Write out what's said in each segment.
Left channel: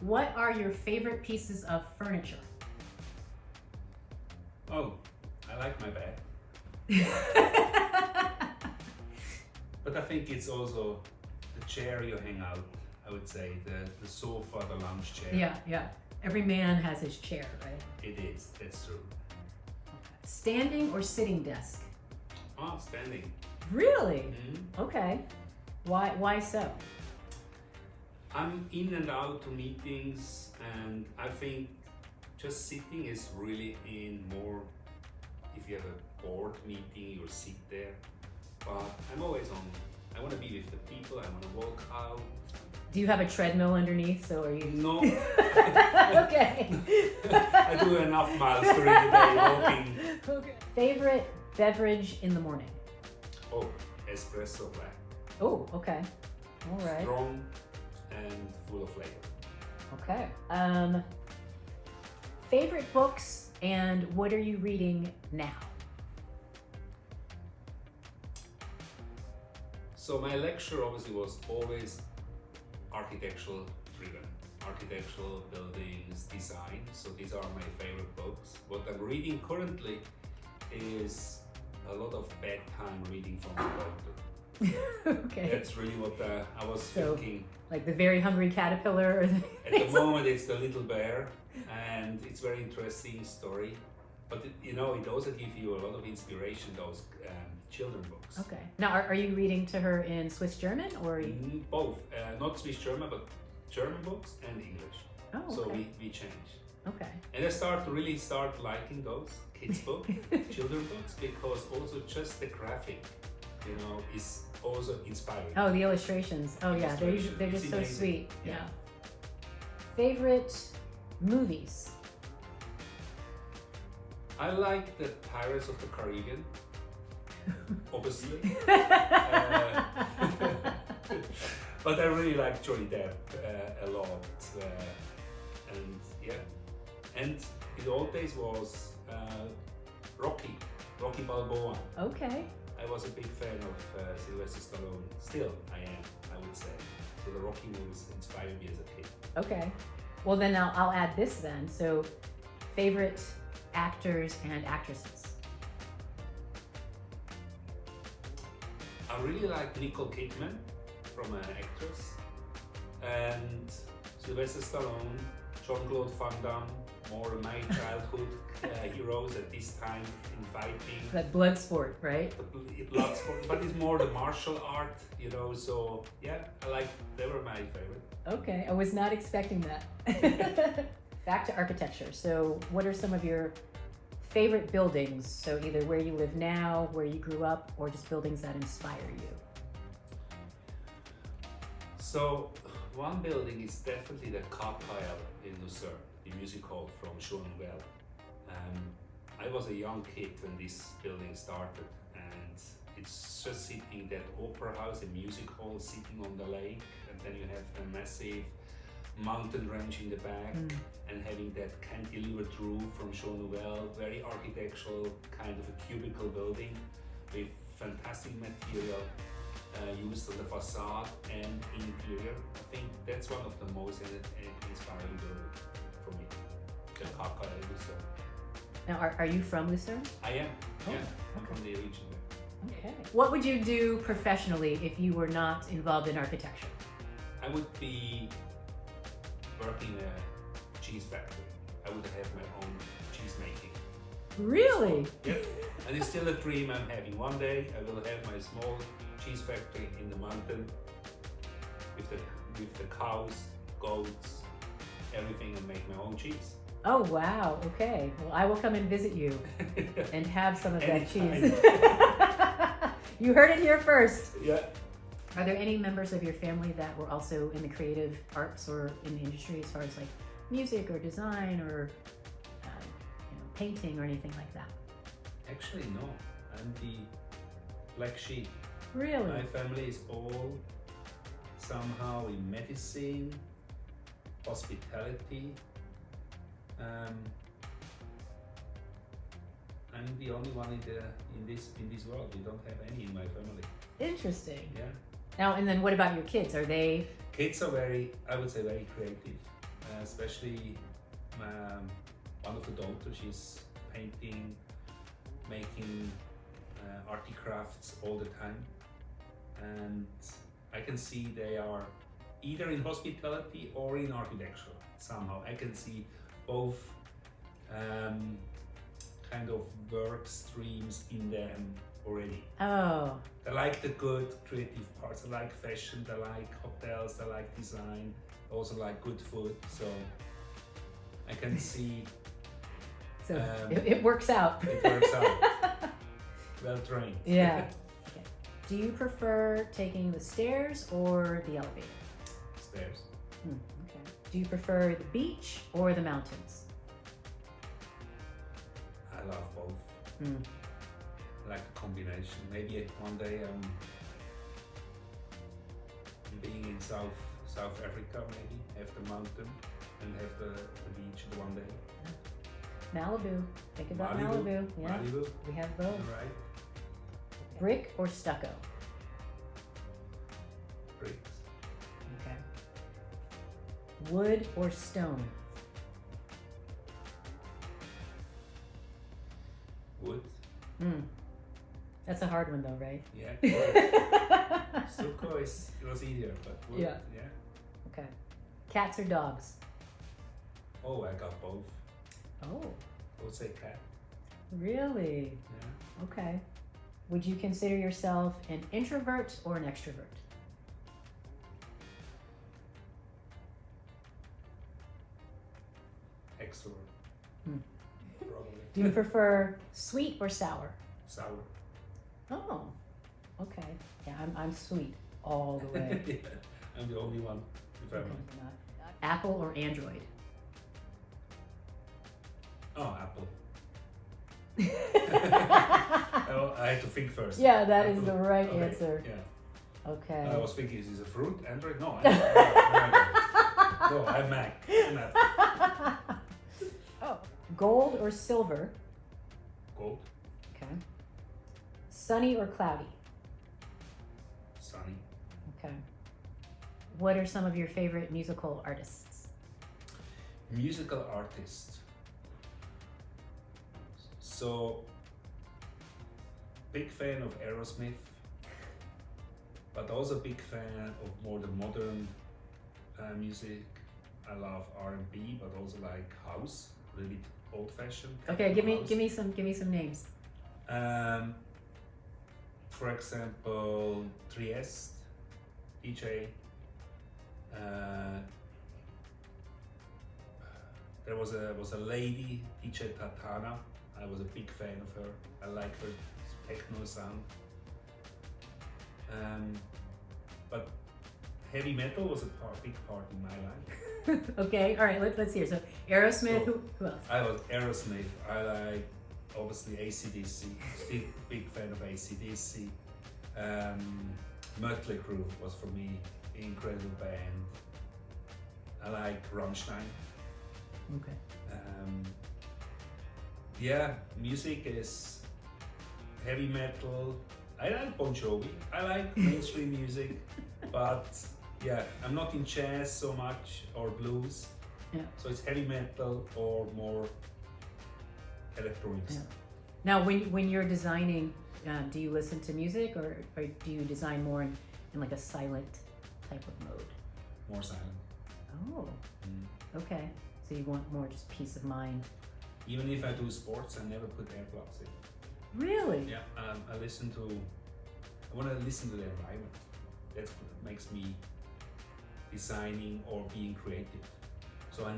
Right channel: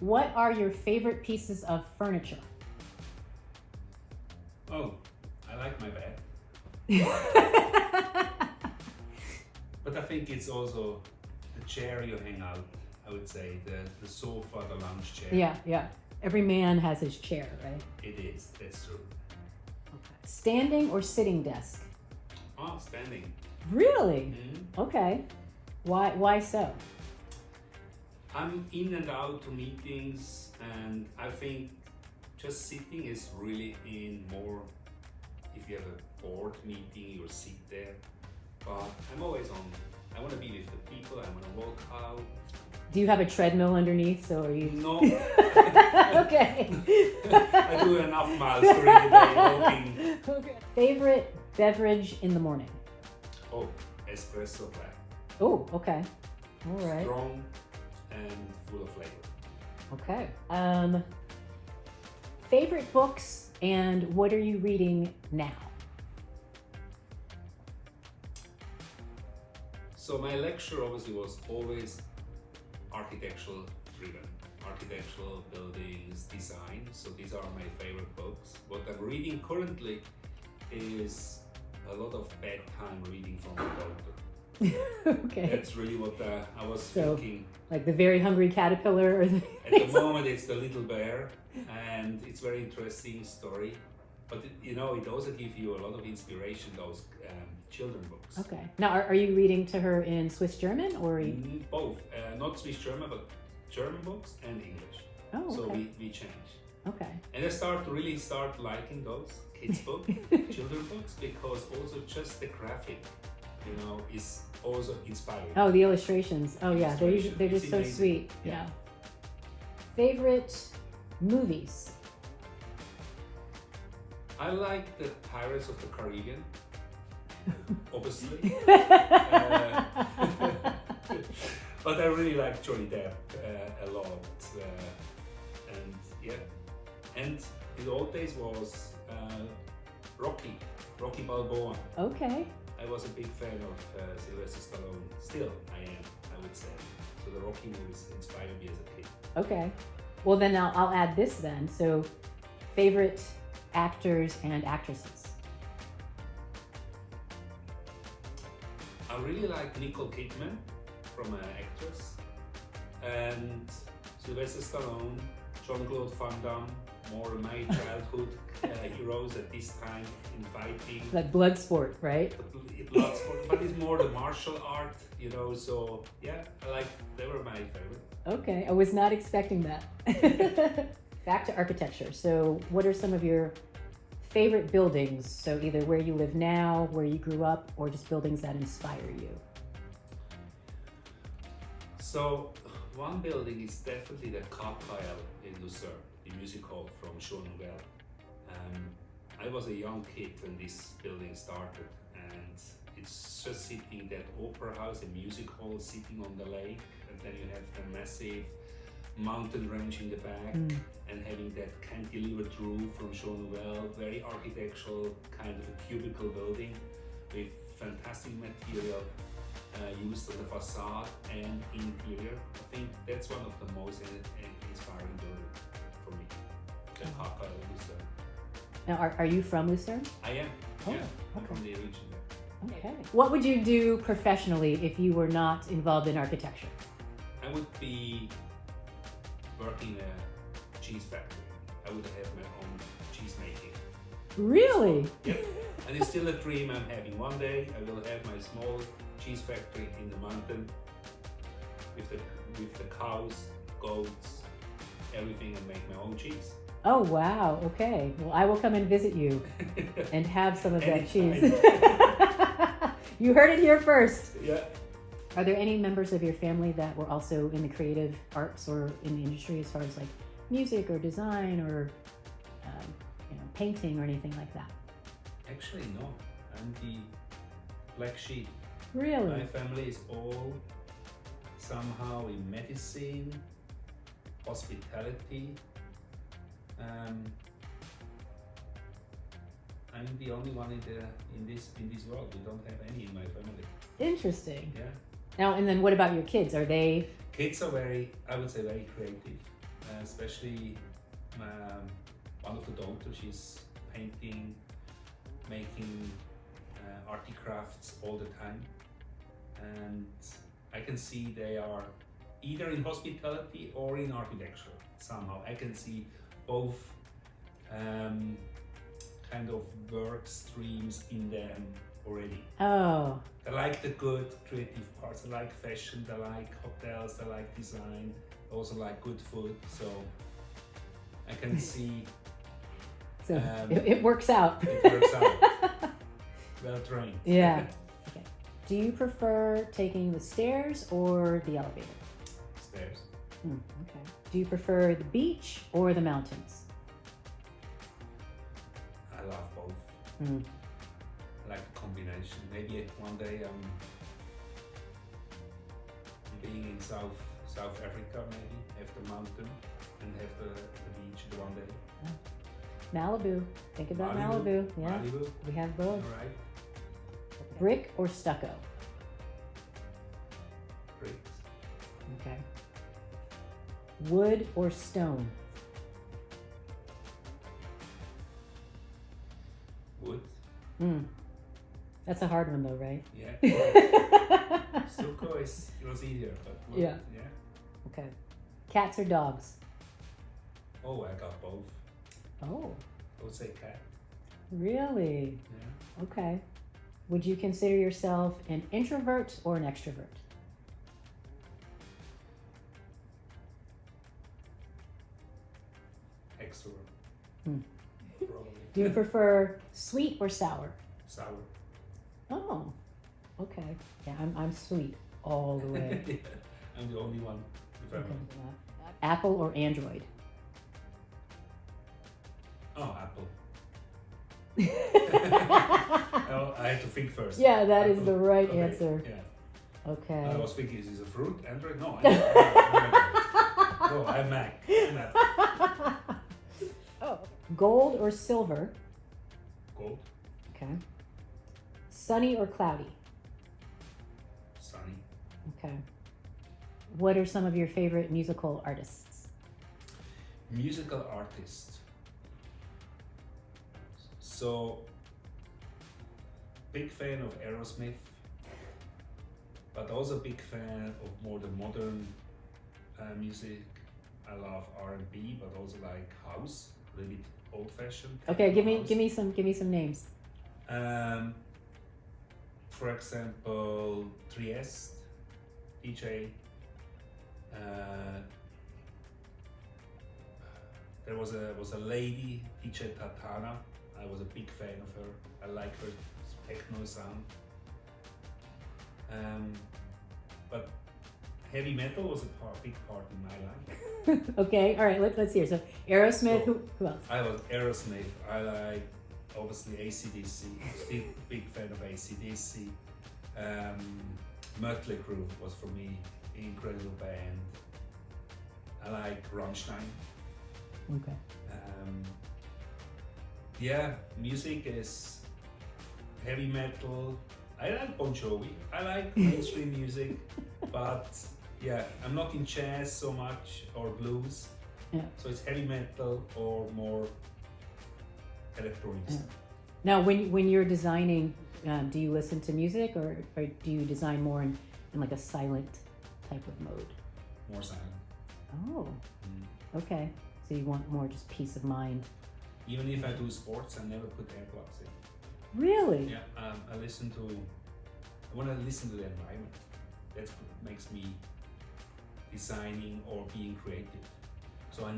What are your favorite pieces of furniture? Oh, I like my bed. But I think it's also the chair you hang out, I would say, the sofa, the lounge chair. Yeah. Every man has his chair, right? It is, that's true. Okay. Standing or sitting desk? Oh, standing. Really? Mm-hmm. Okay. Why so? I'm in and out to meetings, and I think just sitting is really in more, if you have a board meeting, you'll sit there. But I'm always on. I want to be with the people, I want to walk out. Do you have a treadmill underneath? So are you? No. Okay. I do enough miles during the day walking. Okay. Favorite beverage in the morning? Oh, espresso black. Oh, okay. All right. Strong and full of flavor. Okay. Favorite books and what are you reading now? So my lecture obviously was always architectural driven. Architectural, buildings, design. So these are my favorite books. What I'm reading currently is a lot of bedtime reading from the doctor. Okay. That's really what I was thinking. Like the Very Hungry Caterpillar? Or At the moment it's the Little Bear, and it's very interesting story. But it also gives you a lot of inspiration, those children books. Okay. Now, are you reading to her in Swiss German or? Both. Not Swiss German, but German books and English. Oh, okay. So we change. Okay. And I really start liking those kids books, children books, because also just the graphic, is also inspiring. Oh, the illustrations. Oh, yeah. They're just so amazing. sweet. Yeah. Favorite movies? I like the Pirates of the Caribbean, obviously. But I really like Johnny Depp a lot. And in the old days was Rocky Balboa. Okay. I was a big fan of Sylvester Stallone. Still, I am, I would say. So the Rocky movies inspired me as a kid. Okay. Well, then I'll add this then. So, favorite actors and actresses? I really like Nicole Kidman from an actress, and Sylvester Stallone, Jean-Claude Van Damme, more my childhood heroes at this time in fighting. That blood sport, right? The blood sport, but it's more the martial art, so yeah, they were my favorite. Okay, I was not expecting that. Back to architecture. So what are some of your favorite buildings? So either where you live now, where you grew up, or just buildings that inspire you? So one building is definitely the Kapelle in Lucerne, the music hall from Show Nouvelle. I was a young kid when this building started, and it's just sitting that opera house, a music hall sitting on the lake, and then you have the massive mountain range in the back, and having that cantilevered roof from Show Nouvelle, very architectural, kind of a cubicle building with fantastic material used on the facade and interior. I think that's one of the most inspiring buildings for me, the Kapelle in Lucerne. Now, are you from Lucerne? I am, yeah. Okay. I'm from the region there. Okay. What would you do professionally if you were not involved in architecture? I would be working in a cheese factory. I would have my own cheese making. Really? Yep. And it's still a dream I'm having. One day I will have my small cheese factory in the mountain with the cows, goats, everything, and make my own cheese. Oh, wow. Okay. Well, I will come and visit you and have some of that Anytime. cheese. You heard it here first. Yeah. Are there any members of your family that were also in the creative arts or in the industry as far as like music or design or painting or anything like that? Actually, no. I'm the black sheep. Really? My family is all somehow in medicine, hospitality. I'm the only one in this world. We don't have any in my family. Interesting. Yeah. Now, and then what about your kids? Are they? Kids are I would say, very creative. Especially one of the daughters. She's painting, making arty crafts all the time, and I can see they are either in hospitality or in architecture somehow. I can see both kind of work streams in them already. Oh. They like the good creative parts. They like fashion. They like hotels. They like design. They also like good food. So I can see. So it works out. It works out. Well trained. Yeah. Okay. Do you prefer taking the stairs or the elevator? Stairs. Okay. Do you prefer the beach or the mountains? I love both. I like the combination. Maybe one day I'm being in South Africa, maybe have the mountain and have the beach the one day. Malibu. Think about Malibu. Yeah. Malibu. We have both. All right. Brick or stucco? Bricks. Okay. Wood or stone? Wood. That's a hard one though, right? Yeah. Stucco it was easier, but wood. Yeah. Okay. Cats or dogs? Oh, I got both. Oh. I would say cat. Really? Yeah. Okay. Would you consider yourself an introvert or an extrovert? Extrovert. Probably. Do you prefer sweet or sour? Sour. Oh, okay. Yeah, I'm sweet all the way. Yeah, I'm the only one. If I'm Apple or Android? Oh, Apple. Oh, I had to think first. Yeah, that Apple. is the right Okay, answer. Yeah. Okay. I was thinking, is this a fruit? Android? No. No, I'm Mac. I'm Apple. Oh. Gold or silver? Gold. Okay. Sunny or cloudy? Sunny. Okay. What are some of your favorite musical artists? Musical artist. So, big fan of Aerosmith, but also big fan of more the modern music. I love R&B, but also like house, a little bit old-fashioned. Okay, give me some names. For example, Trieste, DJ. There was a lady, DJ Tatana. I was a big fan of her. I like her techno sound. But heavy metal was a big part in my life. Okay, all right, let's hear. So Aerosmith, So, who else? I was Aerosmith. I like obviously AC/DC. Still big fan of AC/DC. Mötley Crüe was for me incredible band. I like Rammstein. Okay. Yeah, music is heavy metal. I like Bon Jovi. I like mainstream music, but yeah, I'm not in jazz so much or blues. Yeah. So it's heavy metal or more electronics. Yeah. Now, when you're designing, do you listen to music or do you design more in like a silent type of mode? More silent. Oh, okay. So you want more just peace of mind. Even if I do sports, I never put AirPlugs in. Really? Yeah, I want to listen to the environment. That's what makes me designing or being creative. So I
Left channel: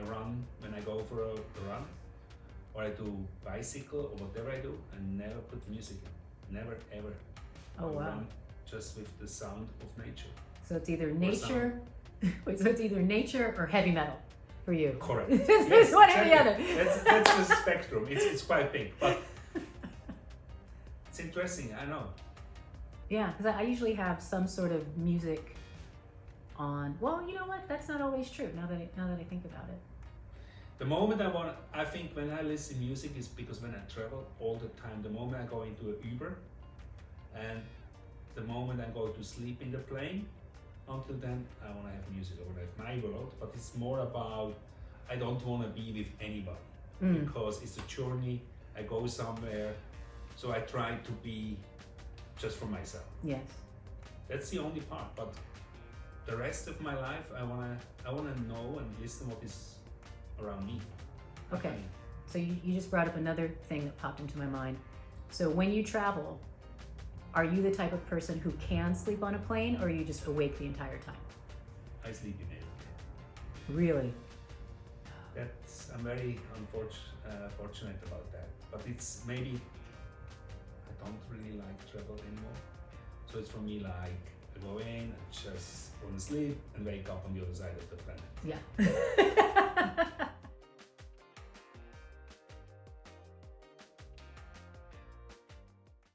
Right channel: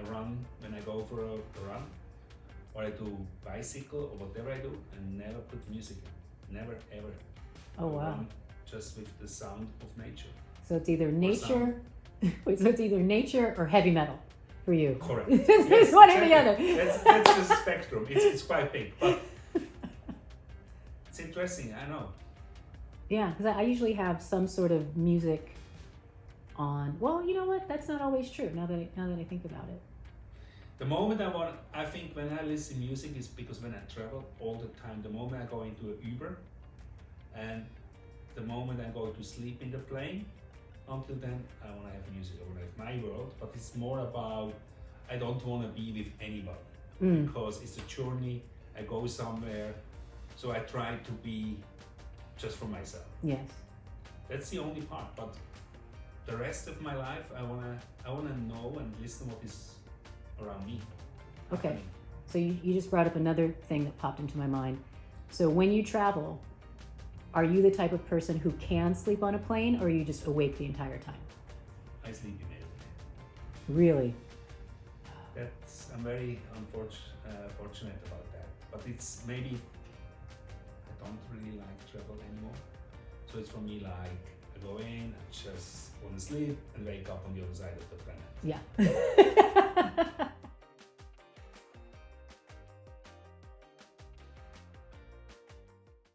run when I go for a run, or I do bicycle or whatever I do, I never put music in. Never, ever. Oh, I wow. run just with the sound of nature. So it's either nature, so it's either nature or heavy metal for you. Correct. It's one or the other. That's the spectrum. It's quite big, but it's interesting. I know. Yeah, because I usually have some sort of music on. Well, you know what? That's not always true. Now that I think about it. The moment I think when I listen music is because when I travel all the time, the moment I go into an Uber and the moment I go to sleep in the plane, until then I want to have music, I want to have my world, but it's more about I don't want to be with anybody because it's a journey, I go somewhere, so I try to be just for myself. Yes. That's the only part, but the rest of my life I wanna know and listen what is around me. Okay. So you just brought up another thing that popped into my mind. So when you travel, are you the type of person who can sleep on a plane, or are you just awake the entire time? I sleep in everything. Really? I'm very fortunate about that. But it's maybe I don't really like travel anymore. So it's for me like I go in, I just want to sleep and wake up on the other side of the planet. Yeah.